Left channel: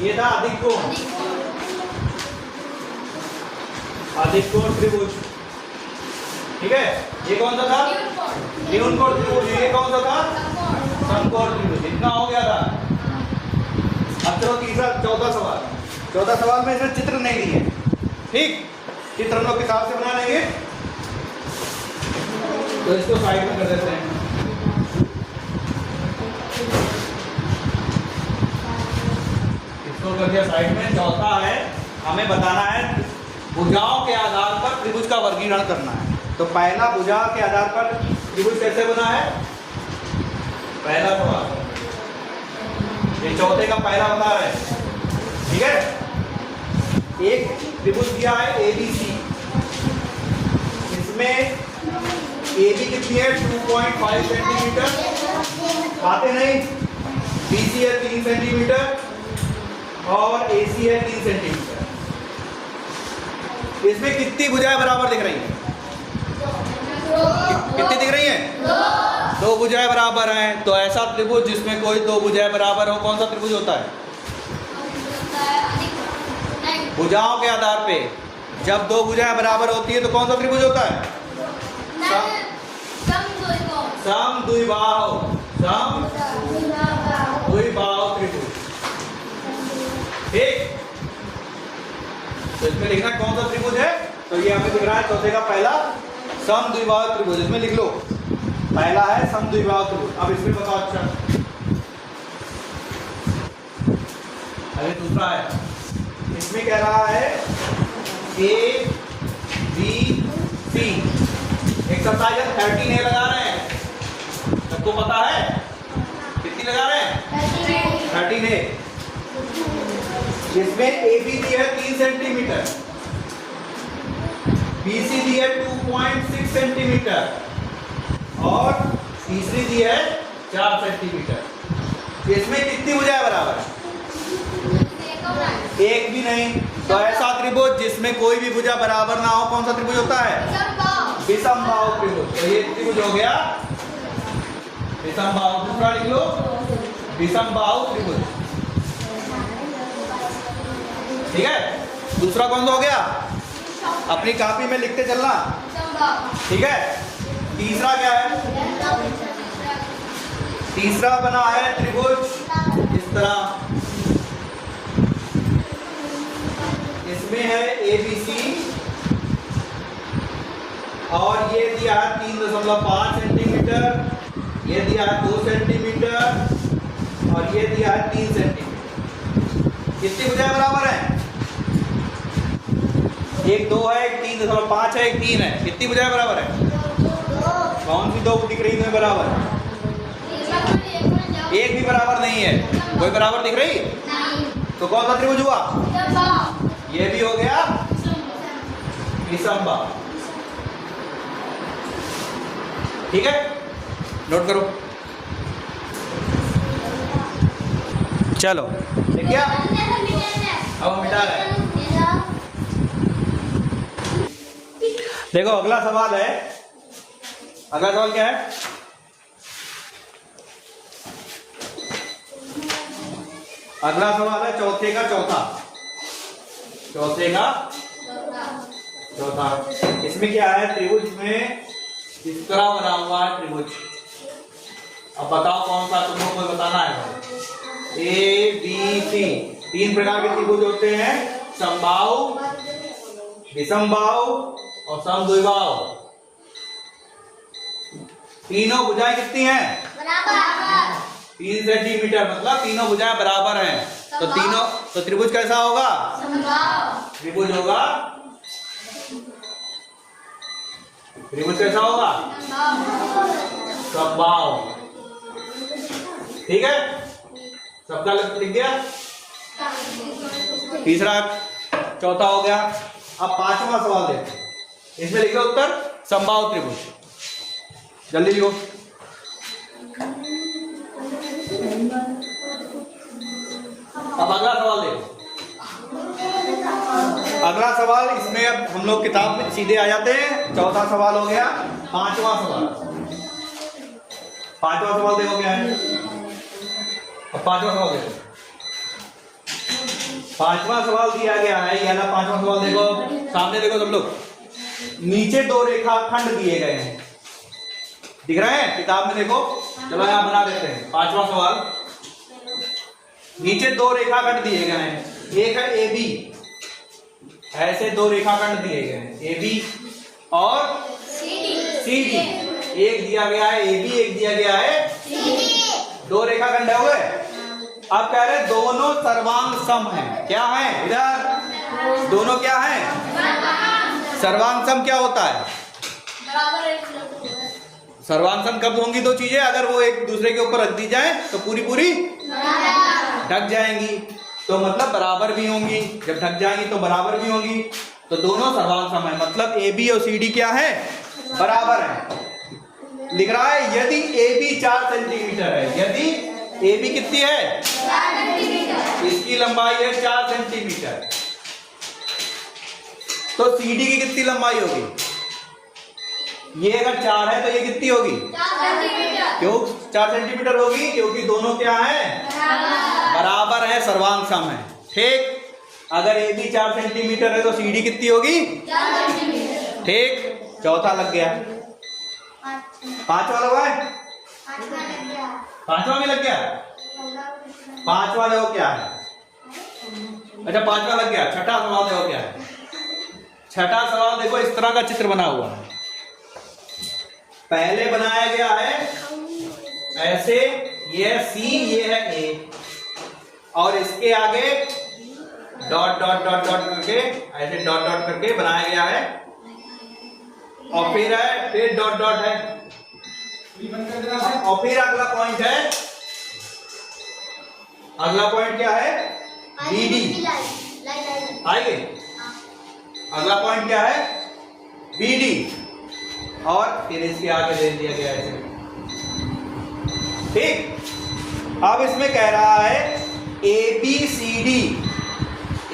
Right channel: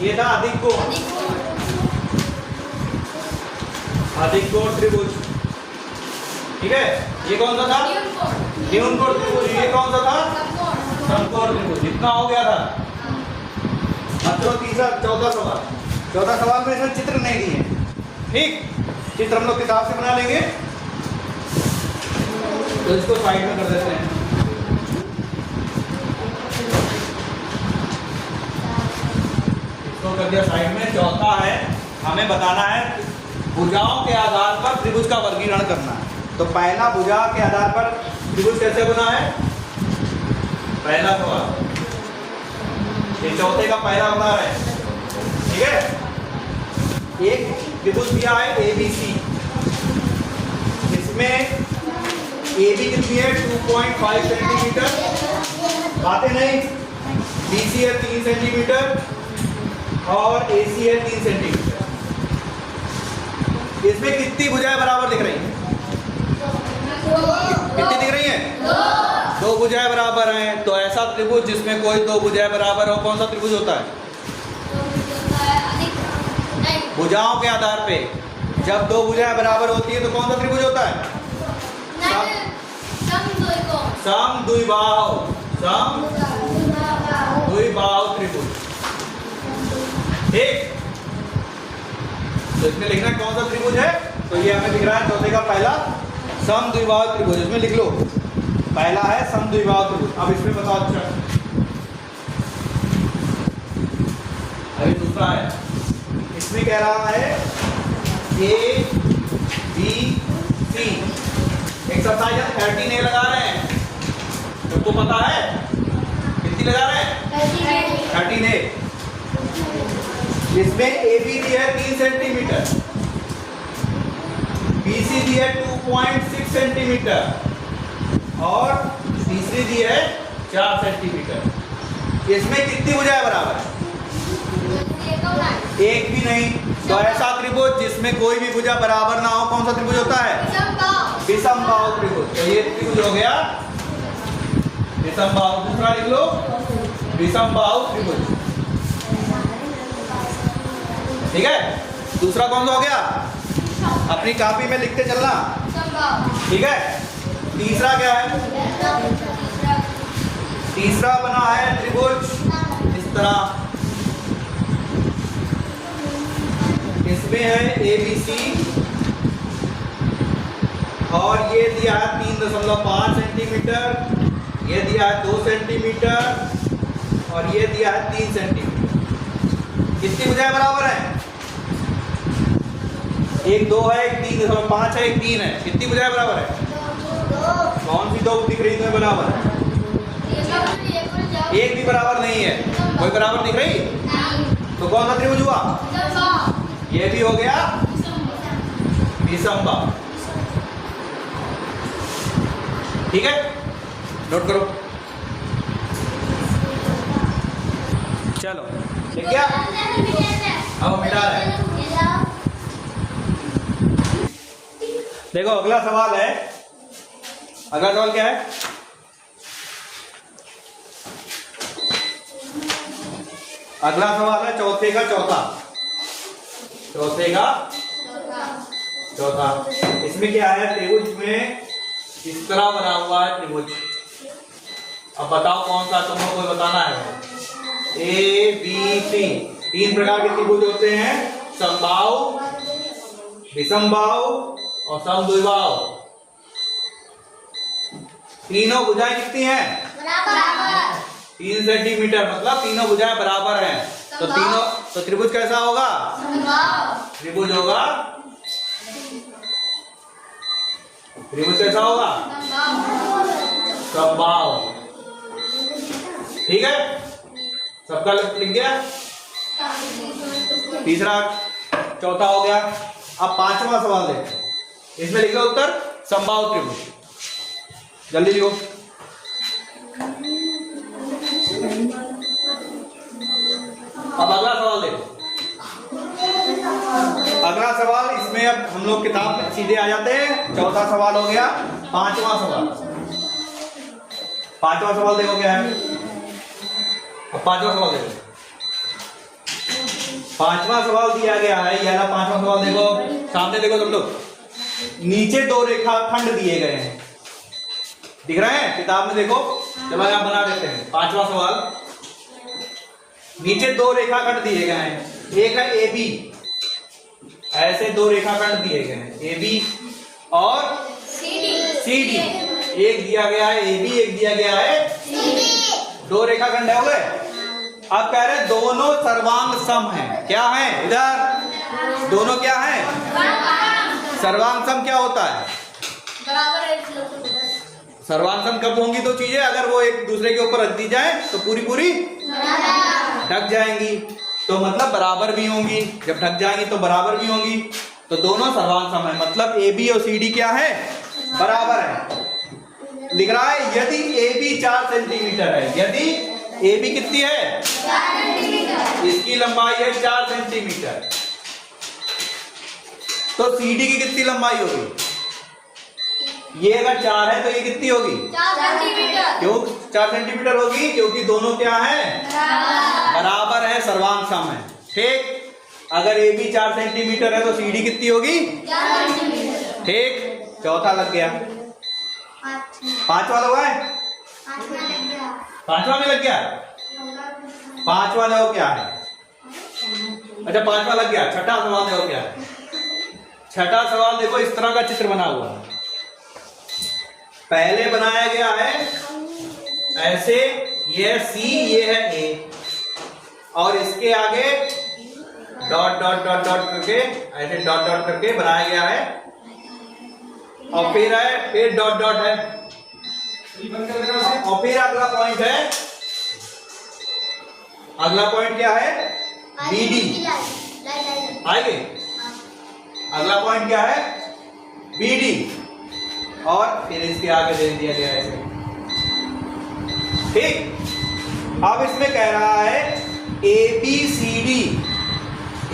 ये था अधिक कोण त्रिभुज। ठीक है, ये कौन सा था? न्यून कोण त्रिभुज। ये कौन सा था? समकोण त्रिभुज। इतना हो गया था। अब चलो तीसरा चौथा सवाल में इसमें चित्र नहीं दिए। ठीक, चित्र हम लोग किताब से बना लेंगे, तो इसको साइड में कर देते हैं। इसको कर दिया साइड में। चौथा है, हमें बताना है भुजाओं के आधार पर त्रिभुज का वर्गीकरण करना है। तो पहला, भुजा के आधार पर त्रिभुज कैसे बना है? पहला सवाल ये चौथे का पहला बता रहे हैं। ठीक है, एक त्रिभुज दिया है ABC। इसमें AB कितनी है? 2.5 सेंटीमीटर। बातें नहीं। BC है 3 सेंटीमीटर और AC है 3 सेंटीमीटर। इसमें कितनी भुजाएं बराबर दिख रही हैं? कितनी दिख रही हैं? दो भुजाएं बराबर हैं। तो ऐसा त्रिभुज जिसमें कोई दो भुजाएं बराबर हो, कौन सा त्रिभुज होता है? भुजाओं के आधार पे जब दो भुजाएं बराबर होती है तो कौन सा त्रिभुज होता है? समद्विबाहु त्रिभुज। ठीक, तो इसमें लिखना कौन सा त्रिभुज है? तो ये हमें दिख रहा है चौथे का पहला समद्विबाहु त्रिभुज। इसमें लिख लो, पहला है समद्विबाहु त्रिभुज। अब इसमें बताओ। अच्छा, अभी दूसरा है। इसमें कह रहा है ABC। एक सप्ताह 13A लगा रहे हैं, सबको पता है? कितनी लगा रहे हैं? 13A। इसमें AB दी है 3 सेंटीमीटर, BC दी है 2.6 सेंटीमीटर और तीसरी दी है 4 सेंटीमीटर। इसमें कितनी भुजाएं बराबर है? एक भी नहीं। तो ऐसा त्रिभुज जिसमें कोई भी भुजा बराबर ना हो, कौन सा त्रिभुज होता है? विषमबाहु त्रिभुज। तो ये त्रिभुज हो गया विषमबाहु। दूसरा लिख लो, विषमबाहु त्रिभुज। ठीक है, दूसरा कौन सा हो गया? अपनी कॉपी में लिखते चलना। ठीक है, तीसरा क्या है? तीसरा बना है त्रिभुज इस तरह। इसमें है ABC और ये दिया है 3.5 सेंटीमीटर, ये दिया है 2 सेंटीमीटर और ये दिया है 3 सेंटीमीटर। कितनी भुजाएं बराबर हैं? एक 2 है, एक 3.5 है, एक 3 है। कितनी भुजाएं बराबर है? कौन सी दो दिख रही है बराबर? एक भी बराबर नहीं है। कोई बराबर दिख रही? तो कौन सा त्रिभुज हुआ? ये भी हो गया विषमबाहु। ठीक है, नोट करो। चलो, ठीक है, अब मिटा रहे हैं। देखो, अगला सवाल है। अगला सवाल क्या है? अगला सवाल है चौथे का चौथा। इसमें क्या है? त्रिभुज में इस तरह बना हुआ है त्रिभुज। अब बताओ कौन सा, तुम लोग को बताना है। ABC 3 प्रकार के त्रिभुज होते हैं, समबाहु, विषमबाहु और समद्विबाहु। तीनों भुजाएं कितनी हैं? 3 सेंटीमीटर, मतलब तीनों भुजाएं बराबर हैं। तो त्रिभुज कैसा होगा? त्रिभुज होगा, त्रिभुज कैसा होगा? समबाहु। ठीक है, सबका लिख गया। तीसरा चौथा हो गया। अब पांचवा सवाल देखो। इसमें लिखो उत्तर समबाहु त्रिभुज। जल्दी लिखो। अब अगला सवाल देखो। अगला सवाल, इसमें अब हम लोग किताब में सीधे आ जाते हैं। चौथा सवाल हो गया। पांचवा सवाल देखो क्या है। अब पांचवा सवाल देखो। पांचवा सवाल दिया गया है, ये वाला पांचवा सवाल देखो, सामने देखो सब लोग। नीचे दो रेखाखंड दिए गए हैं, दिख रहे हैं किताब में देखो। चलो यहां बना देते हैं पांचवा सवाल। नीचे दो रेखाखंड दिए गए हैं, एक है ए बी, ऐसे दो रेखाखंड दिए गए हैं ए बी और सी डी। एक दिया गया है ए बी, एक दिया गया है सी डी। दो रेखाखंड हो गए। अब कह रहे दोनों सर्वांग सम हैं। क्या है इधर? दोनों क्या है? सर्वांग सम क्या होता है? सर्वांग सम कब होंगी दो चीजें? अगर वो एक दूसरे के ऊपर रख दी जाए तो पूरी पूरी ढक जाएंगी, तो मतलब बराबर भी होंगी। जब ढक जाएंगी तो बराबर भी होंगी, तो दोनों सर्वांग सम है। मतलब ए बी और सी डी क्या है? बराबर है। लिख रहा है यदि ए बी 4 सेंटीमीटर है, यदि ए बी कितनी है? 4 सेंटीमीटर। इसकी लंबाई है 4 सेंटीमीटर, तो सी डी की कितनी लंबाई होगी? ये अगर 4 है तो ये कितनी होगी? 4 सेंटीमीटर। क्यों 4 सेंटीमीटर होगी? क्योंकि दोनों क्या है? बराबर है, सर्वांग सम है। ठीक, अगर ए बी 4 सेंटीमीटर है तो सी डी कितनी होगी? 4 सेंटीमीटर। ठीक, चौथा लग गया। पांचवा लगा है? पांचवा में लग गया। पांचवा देखो क्या है? अच्छा पांचवा लग गया। छठा सवाल देखो क्या है? छठा सवाल देखो, इस तरह का चित्र बना हुआ है। पहले बनाया गया है ऐसे, ये सी, ये है ए, और इसके आगे डॉट डॉट डॉट डॉट करके, ऐसे डॉट डॉट करके बनाया गया है, और फिर है, फिर डॉट डॉट है, और फिर अगला पॉइंट है। अगला पॉइंट क्या है? B D. आएंगे? अगला पॉइंट क्या है? बी डी, और फिर इसके आगे दे दिया गया है ऐसे। ठीक, अब इसमें कह रहा है A B C D,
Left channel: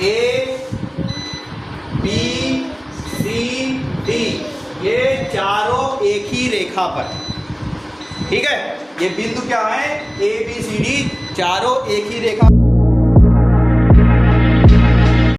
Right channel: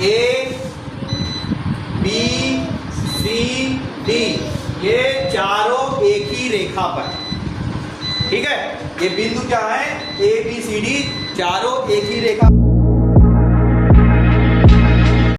A B C D, ये चारों एक ही रेखा पर। ठीक है, ये बिंदु क्या है? ए बी सी डी चारों एक ही रेखा